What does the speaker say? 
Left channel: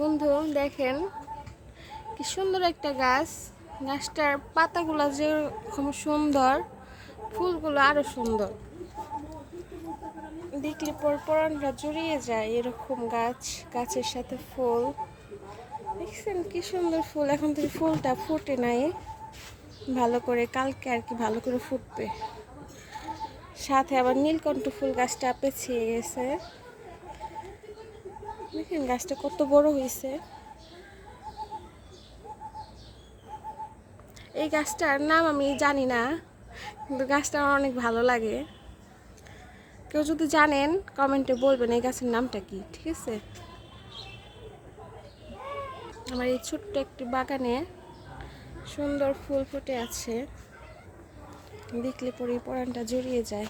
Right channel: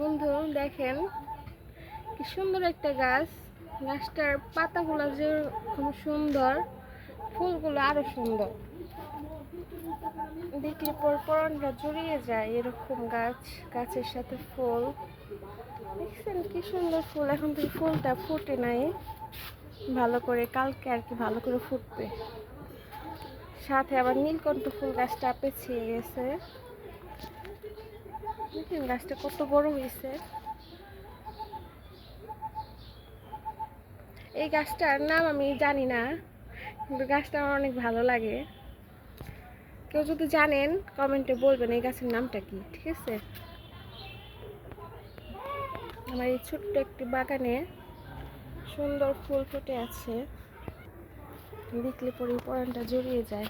বন্ধু দেখেন কি সুন্দর একটা গাছ। গাছটার পাতাগুলো যেরকম সুন্দর, ফুলগুলো আরো সুন্দর। দেখলে পর পরানটা জড়িয়ে যায় এরকম গাছ, গাছের সাথে ফুল। দেখছেন কি সুন্দর ফুল। এখন থেকে ফুলটা ফুটে নাই ভালো করে, কালকে আর কি ভালো করে ফুটবে। সাথে আবার নীলকণ্ঠ ফুল গাছটা পেছিয়ে গেছে। দেখেন গাছটা কত বড় হয়েছে। এই গাছটার নাম আমি জানি না, কিন্তু গাছটা আমার অনেক ভালো লাগে। কেউ যদি জানেন কমেন্টে বলবেন এই গাছের নামটা কি, ঠিক আছে? আমার এই ছোট্ট একটি বাগানে সুন্দর ফুল ফুটে আছে, দেখলে পরে পরানটা জড়িয়ে যায়।